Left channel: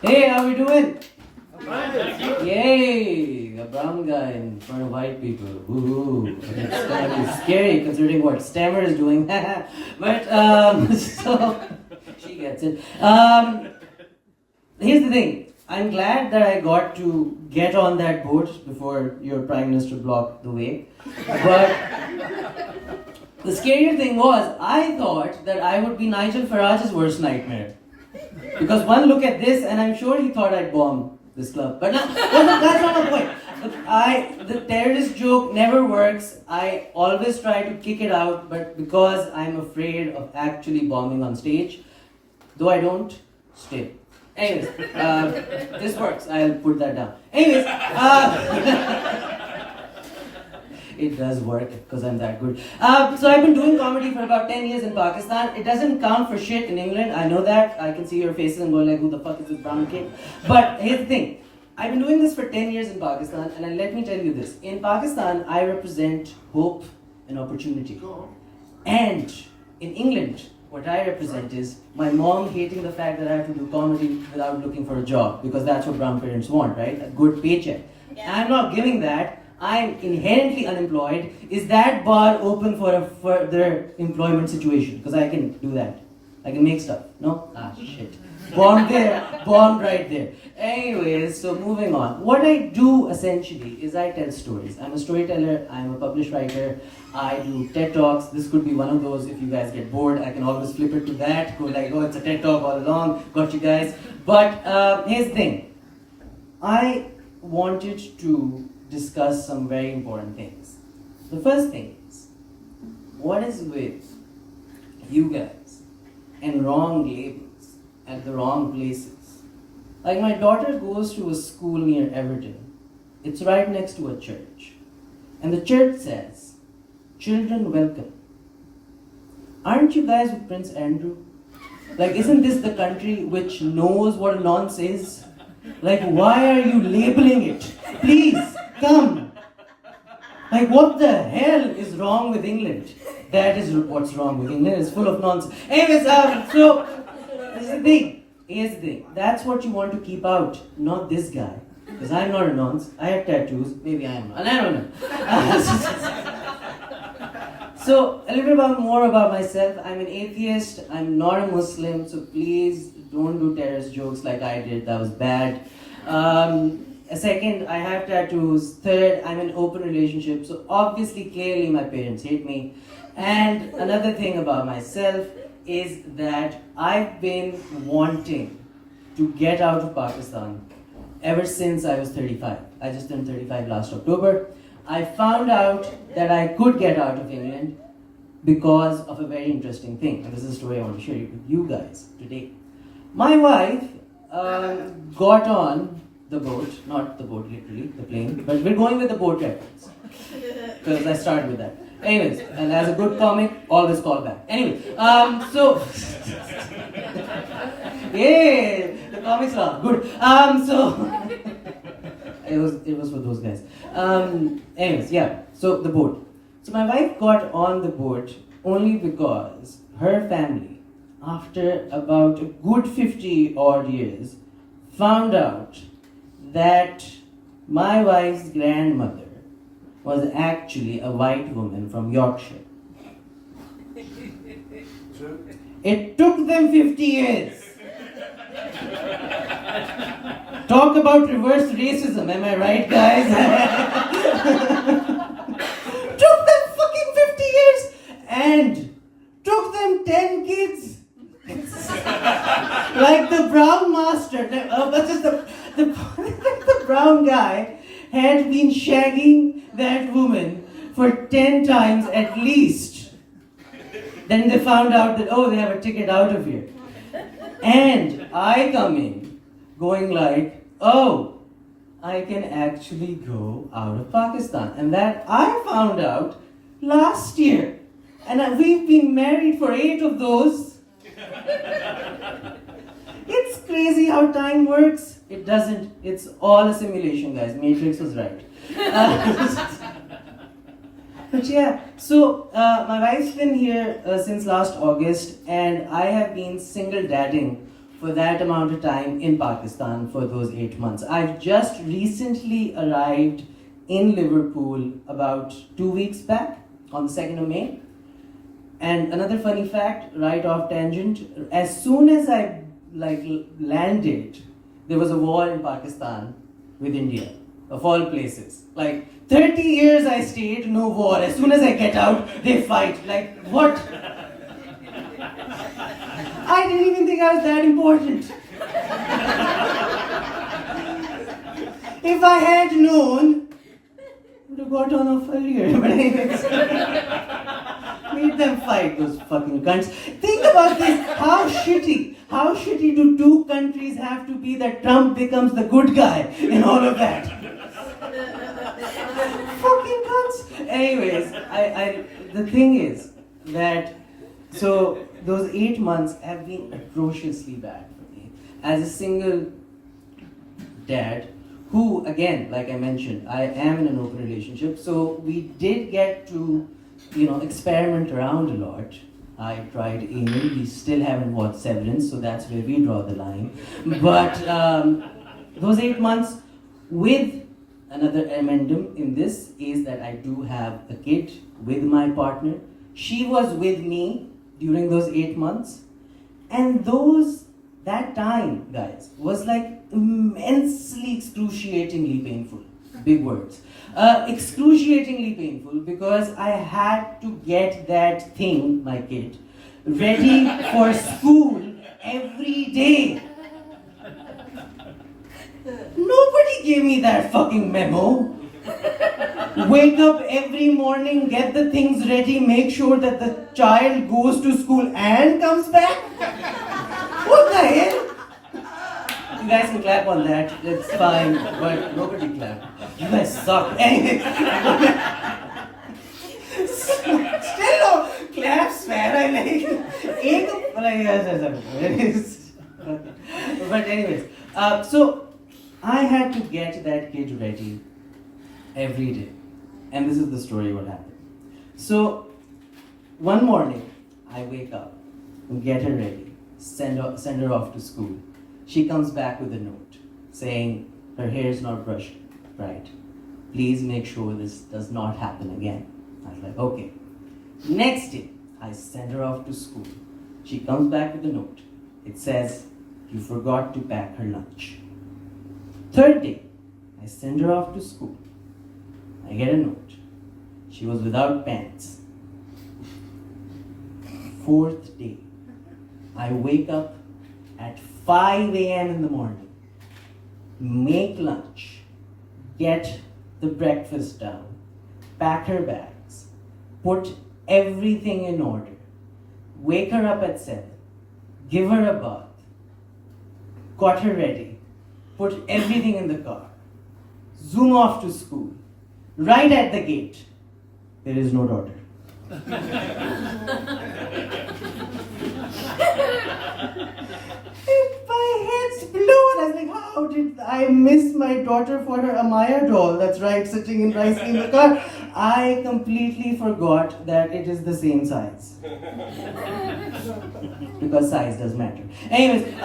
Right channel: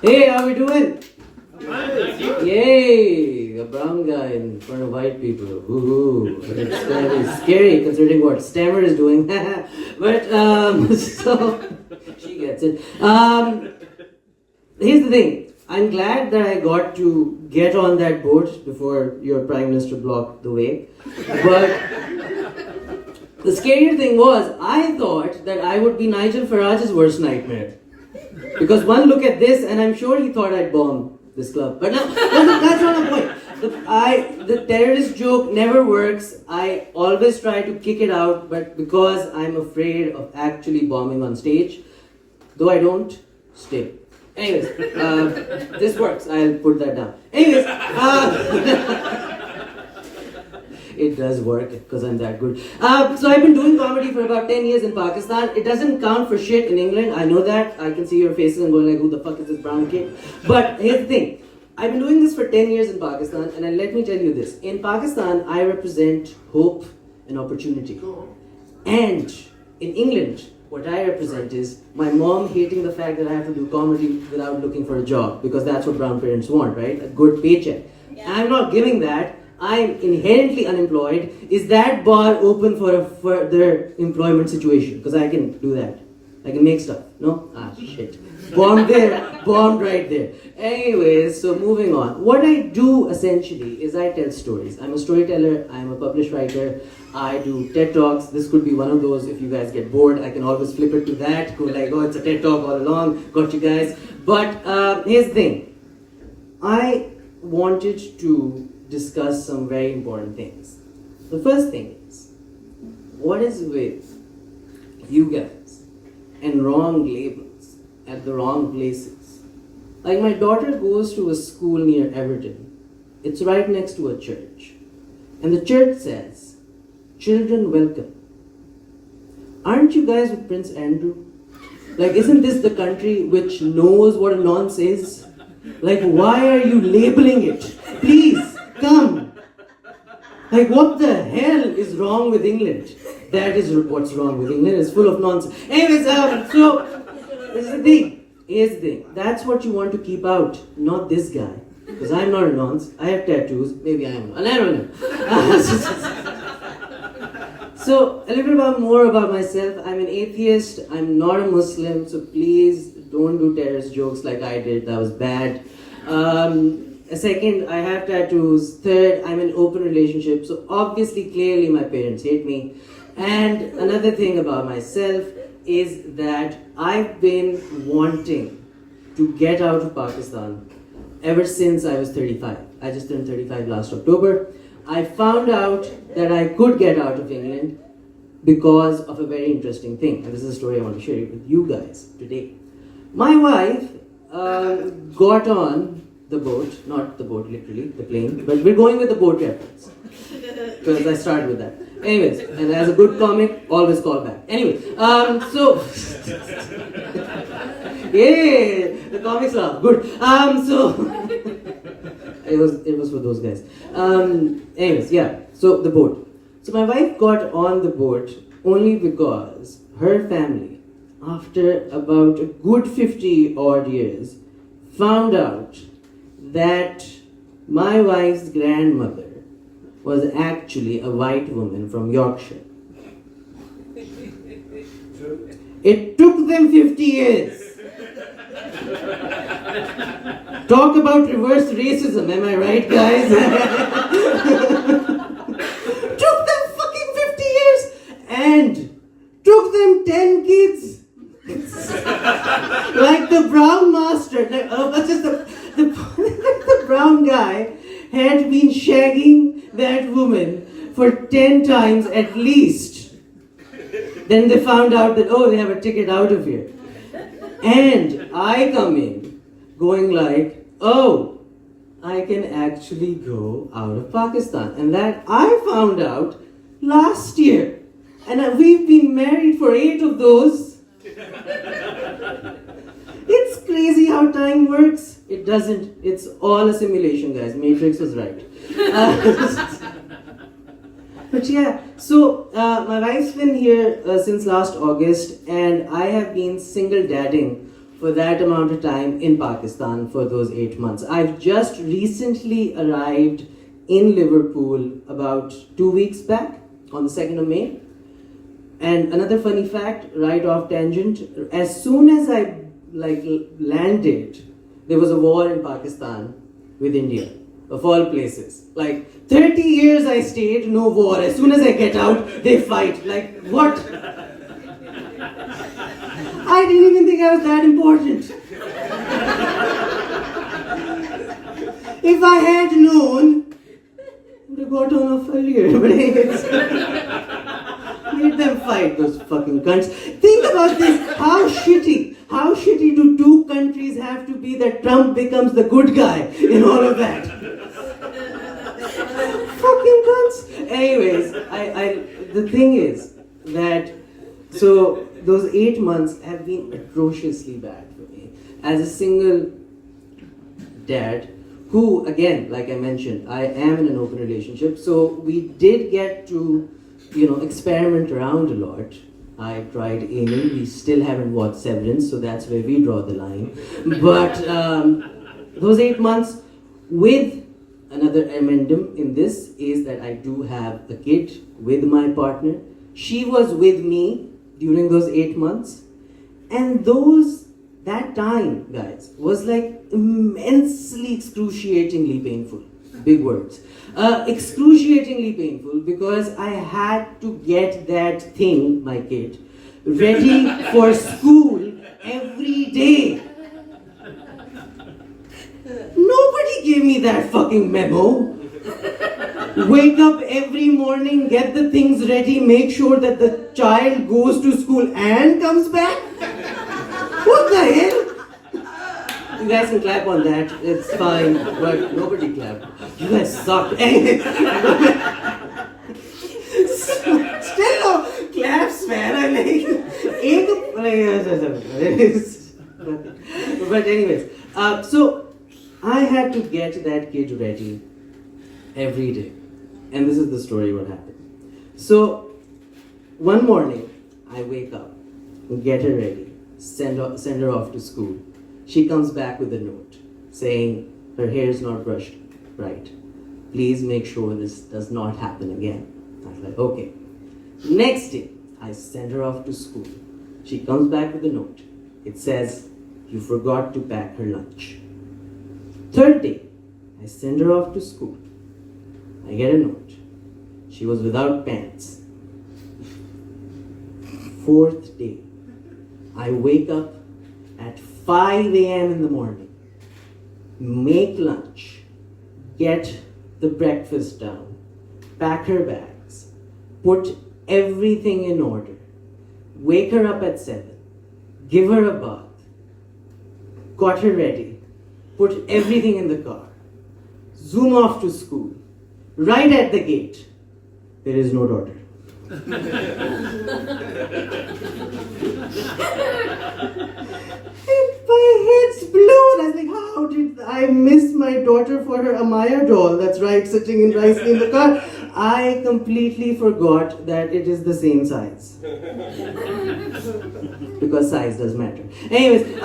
Hey, how we doing? Yay! A brown guy in front of white people. Ooh, it's kind of scary considering what Stammer is doing. But so she gets it. Here's the thing. I'm glad that I got to get on that boat before your prime minister blocked the way. But the scary thing was, I thought that I would be Nigel Farage's worst nightmare. Because one look at this, and I'm sure he thought I'd bomb this club. But no, that's not the point. The terrorist joke never works. I always try to kick it out, but because I'm afraid of actually bombing on stage, though I don't, still. Anyways, this works. I'll put that down. Anyways, it does work because I'm that good. So I've been doing comedy for about 10 years in Pakistan. It doesn't count for shit in England. I know that. I can see your faces and going like, who the fuck is this brown kid? But here's the thing. I've been doing this for 10 years in Pakistan, and let me tell you this. In Pakistan, I represent hope and opportunity. And in England, what I represent is my mom hating the fact that I have to do comedy without looking for a job, because that's what brown parents want, right? A good paycheck. Yeah. I'm not giving that. I'm inherently unemployed. Is that bar open for a further employment situation? Because I can do that. I can make stuff. No? Ah, shit. Bombed there. Bombed right there. Anyways, so moving on. What I do essentially is I tell stories. I'm a storyteller. I'm a published writer. I do TED Talks. This could be one of those. If you guys get bored, I can always flip it to that. Go like, oh, it's a TED Talk all along. Got you guys. But here's the thing. I wanted to discuss some very important things. The first thing is, what is with you guys and wrong labels at the wrong places? Like, my daughter goes to a school near Everton. It's right next to a church. And the church says, "Children welcome." Aren't you guys with Prince Andrew? Like, isn't this the country which knows what a nonce is? Like, why are you labeling it? Please, come. Like, what the hell is wrong with England? That is what's wrong with England. It's full of nonsense. Anyways, so, this is the thing. Here's the thing. That's what you want to keep out, not this guy. Because I'm not a nonce. I have tattoos. Maybe I am. And I don't know. So, a little bit more about myself. I'm an atheist. I'm not a Muslim. So please don't do terrorist jokes like I did. That was bad. Second, I have tattoos. Third, I'm in an open relationship. So obviously, clearly, my parents hate me. And another thing about myself is that I've been wanting to get out of Pakistan ever since I was 35. I just turned 35 last October. I found out that I could get out of England because of a very interesting thing. And this is a story I want to share with you guys today. My wife got on the boat, not the boat literally, the plane, but we're going with the boat reference. Because I started with that. Anyways, and as a good comic, always call back. Anyway, so yay, the comics laugh. Good. So it was for those guys. Anyways, yeah. So the boat. So my wife got on the boat only because her family, after about a good 50 odd years, found out that my wife's grandmother was actually a white woman from Yorkshire. It took them 50 years. Talk about reverse racism, am I right, guys? Took them fucking 50 years and took them 10 kids. Like the brown master, the brown guy had been shagging that woman for 10 times at least. Then they found out that, oh, they have a ticket out of here. And I come in going like, oh, I can actually go out of Pakistan. And that I found out last year. And we've been married for 8 of those. It's crazy how time works. It doesn't. It's all a simulation, guys. Matrix was right. But yeah, so my wife's been here since last August, and I have been single dadding for that amount of time in Pakistan for those 8 months. I've just recently arrived in Liverpool about 2 weeks back on the 2nd of May. And another funny fact, right off tangent, as soon as I landed, there was a war in Pakistan with India, of all places. 30 years I stayed, no war. As soon as I get out, they fight. What? I didn't even think I was that important. If I had known, I would have got on off earlier. But anyways, made them fight, those fucking cunts. Think about this. How shitty do two countries have to be that Trump becomes the good guy in all of that? Fucking cunts. Anyways, the thing is that, so those 8 months have been atrociously bad for me. As a single dad, who, again, like I mentioned, I am in an open relationship, so we did get to, experiment around a lot. I tried aiming, we still haven't watched Severance, so that's where we draw the line. But those 8 months, with another amendum in this, is that I do have a kid with my partner. She was with me during those 8 months, and that time, guys, was immensely excruciatingly painful. Big words. Excruciatingly painful, because I had to get that thing, my kid, ready for school every day. Nobody gave me that fucking memo. Wake up every morning, get the things ready, make sure that the child goes to school and comes back? What the hell? You guys can clap on that, it's fine, but nobody clapped. You guys suck. Still no claps, man. But anyways, so I had to get that kid ready every day. And this is the story what happened. So one morning, I wake up, get her ready, send her off to school. She comes back with a note saying her hair is not brushed right. Please make sure this does not happen again. I was like, okay. Next day, I send her off to school. She comes back with a note. It says, you forgot to pack her lunch. Third day, I send her off to school. I get a note. She was without pants. Fourth day, I wake up at 5 a.m. in the morning, make lunch, get the breakfast down, pack her bags, put everything in order, wake her up at 7, give her a bath, got her ready, put everything in the car, zoom off to school. Right at the gate, there is no daughter. My head's blown. I was like, how did I miss my daughter for her Amaya doll that's sitting nicely in the car? I completely forgot that it is the same size. Because size does matter. Anyways,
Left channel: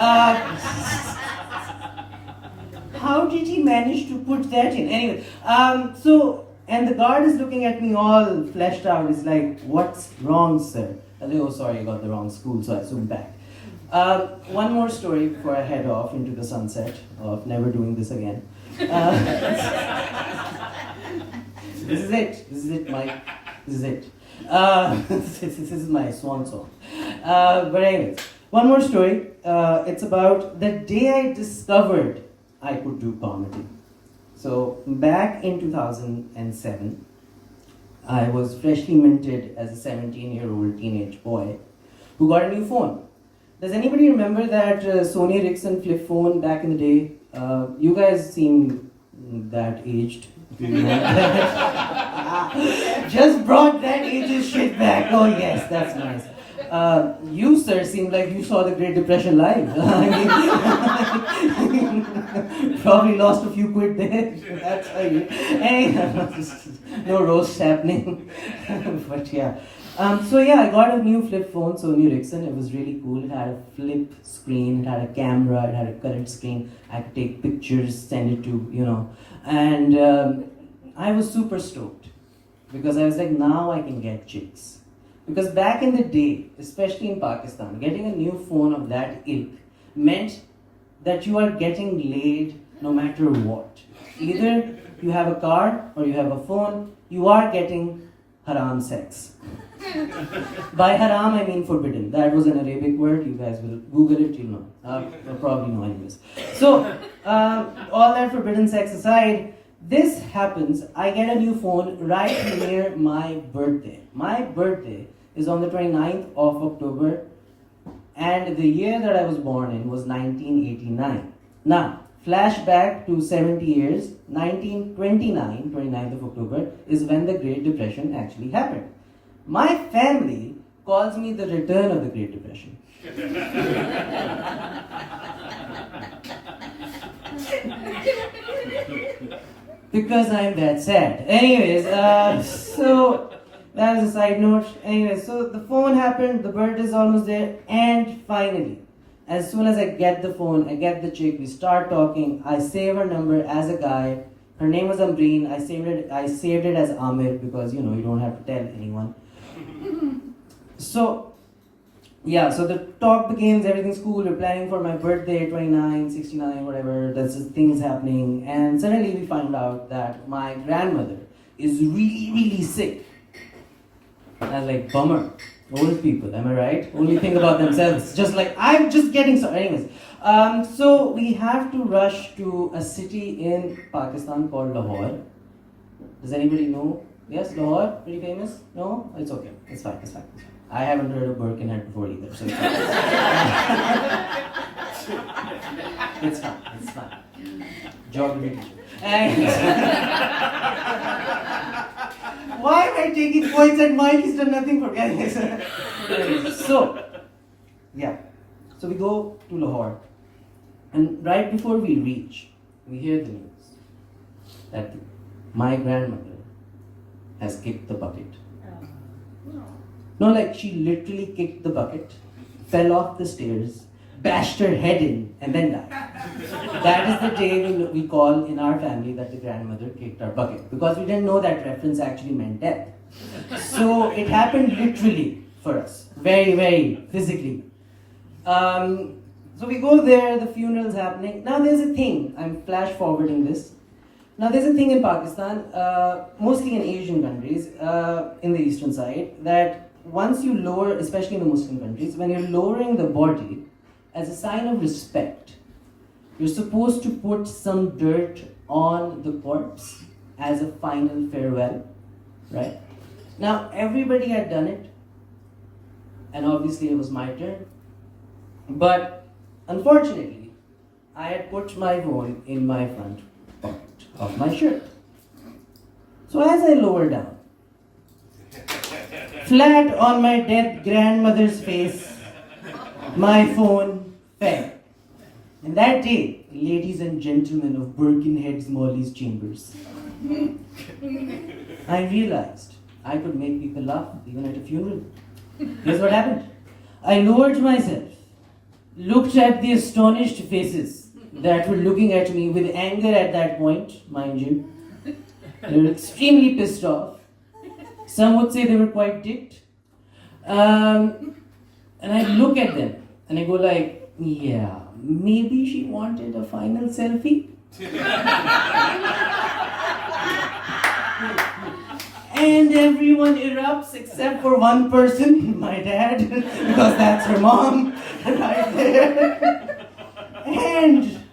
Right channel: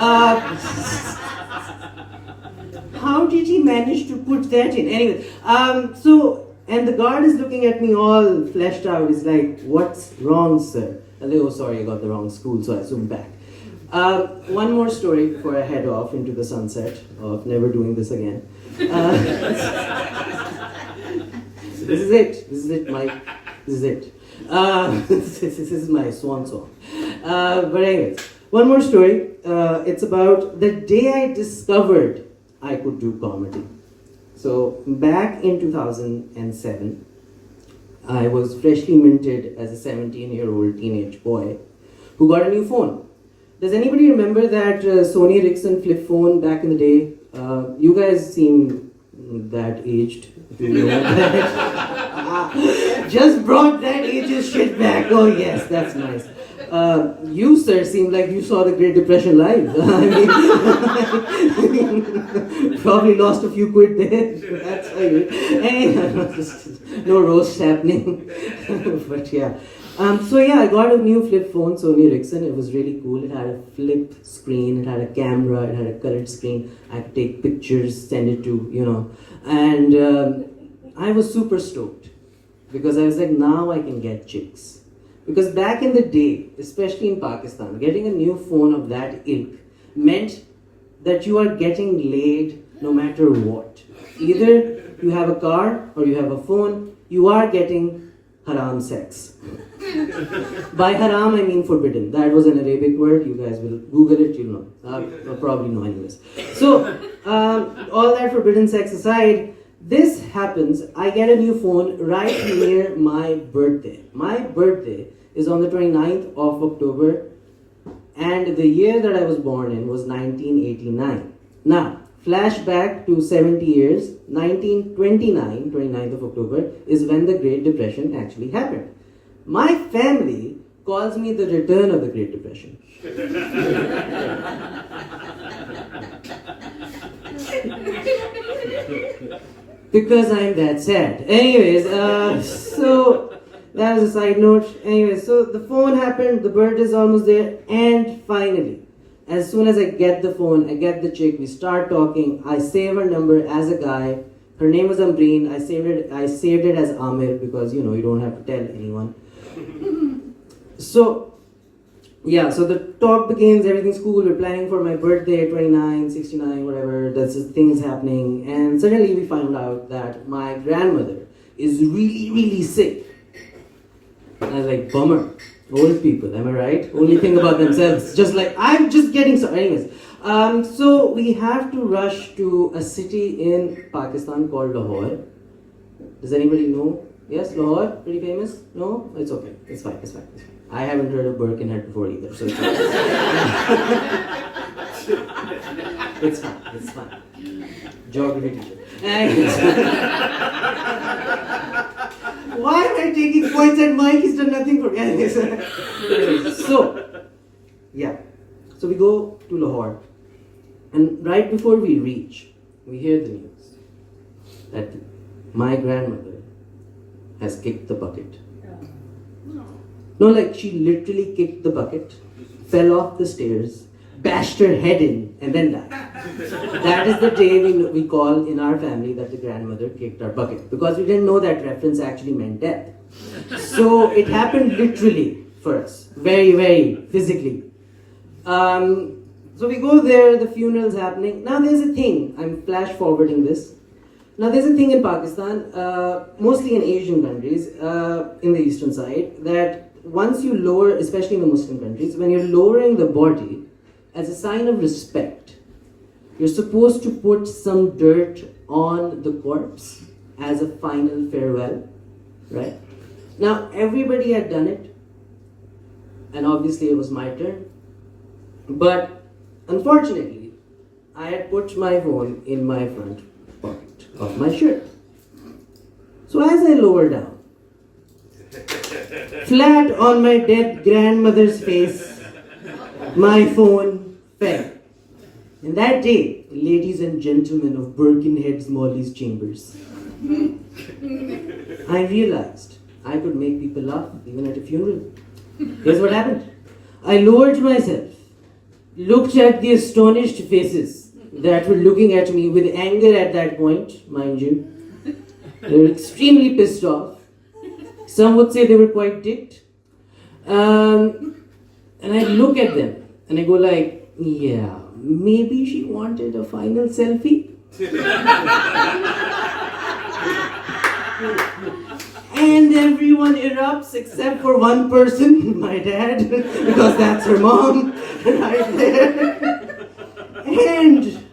how did he manage to put that in? Anyway, and the guard is looking at me all fleshed out. He's like, what's wrong, sir? I was like, oh, sorry, I got the wrong school, so I zoomed back. One more story before I head off into the sunset of never doing this again. This is it, Mike. This is it. This is my swan song. But anyways, one more story. It's about the day I discovered I could do comedy. So back in 2007, I was freshly minted as a 17-year-old teenage boy who got a new phone. Does anybody remember that Sony Ericsson flip phone back in the day? You guys seem that aged. If you know that. Just brought that ageist shit back. Oh yes, that's nice. You, sir, seem like you saw the Great Depression live. I mean, probably lost a few quid there. That's how you. Hey, no roast happening. But yeah. So yeah, I got a new flip phone, Sony Ericsson. It was really cool. It had a flip screen, it had a camera, it had a curved screen. I could take pictures, send it to, and I was super stoked because I was like, now I can get chicks. Because back in the day, especially in Pakistan, getting a new phone of that ilk meant that you are getting laid no matter what. Either you have a car or you have a phone, you are getting haram sex. By haram, I mean forbidden. That was an Arabic word. You guys will Google it, you'll know. You'll probably know anyways. So, all that forbidden sex aside, this happens. I get a new phone right near my birthday. My birthday is on the 29th of October, and the year that I was born in was 1989. Now, flashback to 70 years, 1929, 29th of October, is when the Great Depression actually happened. My family calls me the return of the Great Depression. Because I'm that sad. Anyways, so that was a side note. Anyways, so the phone happened, the bird is almost there, and finally, as soon as I get the phone, I get the chick, we start talking, I save her number as a guy. Her name was Ambreen. I saved it as Amir because you don't have to tell anyone. So yeah, so the talk begins, everything's cool, we're planning for my birthday, 29, 69, whatever, that's things happening, and suddenly we found out that my grandmother is really, really sick. And I was like, bummer. Old people, am I right? Only think about themselves. Just like, I'm just getting sorry. Anyways, so we have to rush to a city in Pakistan called Lahore. Does anybody know? Yes, Lahore? Pretty famous? No? It's okay. It's fine. I haven't heard of Birkenhead before either, so it's fine. It's fine. Geography teacher. Why am I taking points at Mike? He's done nothing for guys. So we go to Lahore, and right before we reach, we hear the news that my grandmother has kicked the bucket. No, like she literally kicked the bucket, fell off the stairs, bashed her head in, and then died. That is the day we call in our family that the grandmother kicked our bucket, because we didn't know that reference actually meant death. So it happened literally for us, very, very physically. So we go there, the funeral's happening. Now there's a thing, I'm flash forwarding this. Now there's a thing in Pakistan, mostly in Asian countries, in the eastern side, that once you lower, especially in the Muslim countries, when you're lowering the body, as a sign of respect, you're supposed to put some dirt on the corpse as a final farewell, right? Now everybody had done it, and obviously it was my turn, but unfortunately, I had put my phone in my front pocket of my shirt. So as I lower down, flat on my dead grandmother's face, my phone fell. And that day, ladies and gentlemen of Birkenhead's Molly's Chambers, I realized I could make people laugh even at a funeral. Here's what happened. I lowered myself, looked at the astonished faces that were looking at me with anger at that point, mind you. They were extremely pissed off. Some would say they were quite ticked. And I look at them and I go like, yeah, maybe she wanted a final selfie. And everyone erupts except for one person, my dad, because that's her mom right there. And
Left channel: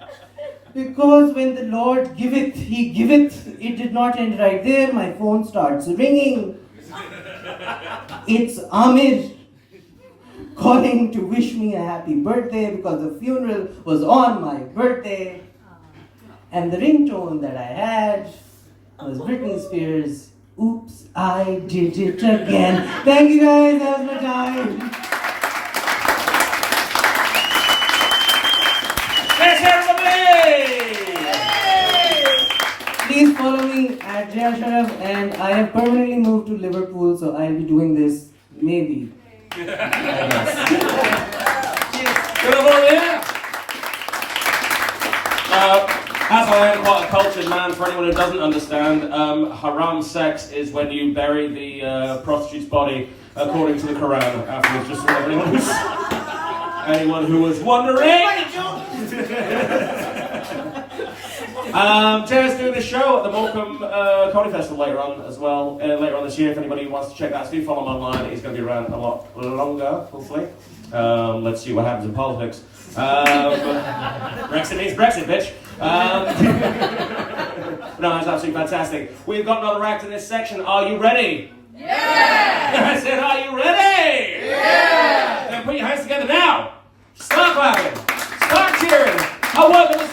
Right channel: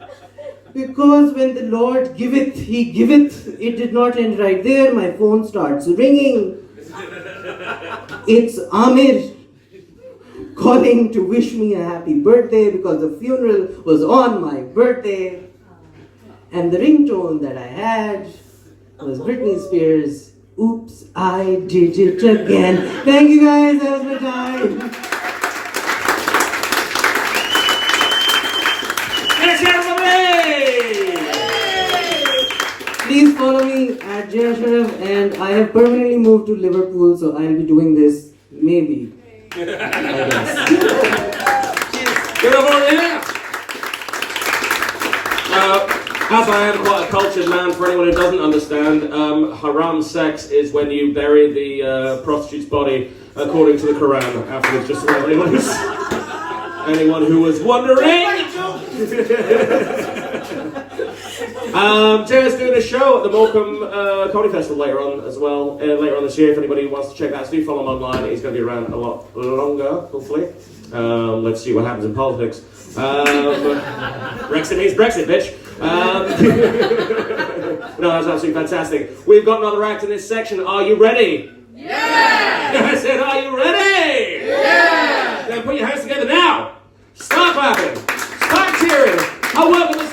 because when the Lord giveth, He giveth, it did not end right there. My phone starts ringing. It's Amir calling to wish me a happy birthday because the funeral was on my birthday. And the ringtone that I had was Britney Spears' Oops, I Did It Again. Thank you guys, that was my time. Let's have Please follow me at Jay Ashraf, and I have permanently moved to Liverpool, so I'll be doing this Maybe. I guess. Good over here. As I am quite a cultured man, for anyone who doesn't understand, haram sex is when you bury the prostitute's body according to the Quran. Afterwards, just for anyone who was wondering. Tara's doing a show at the Morecambe Comedy Festival later on as well, later on this year. If anybody wants to check that, so do follow him online. He's going to be around a lot longer, hopefully. Let's see what happens in politics. Brexit means Brexit, bitch. No, that's absolutely fantastic. We've got another act in this section. Are you ready? Yeah! I said, are you ready? Yeah! Then put your hands together now. Start clapping. Start cheering. I welcome the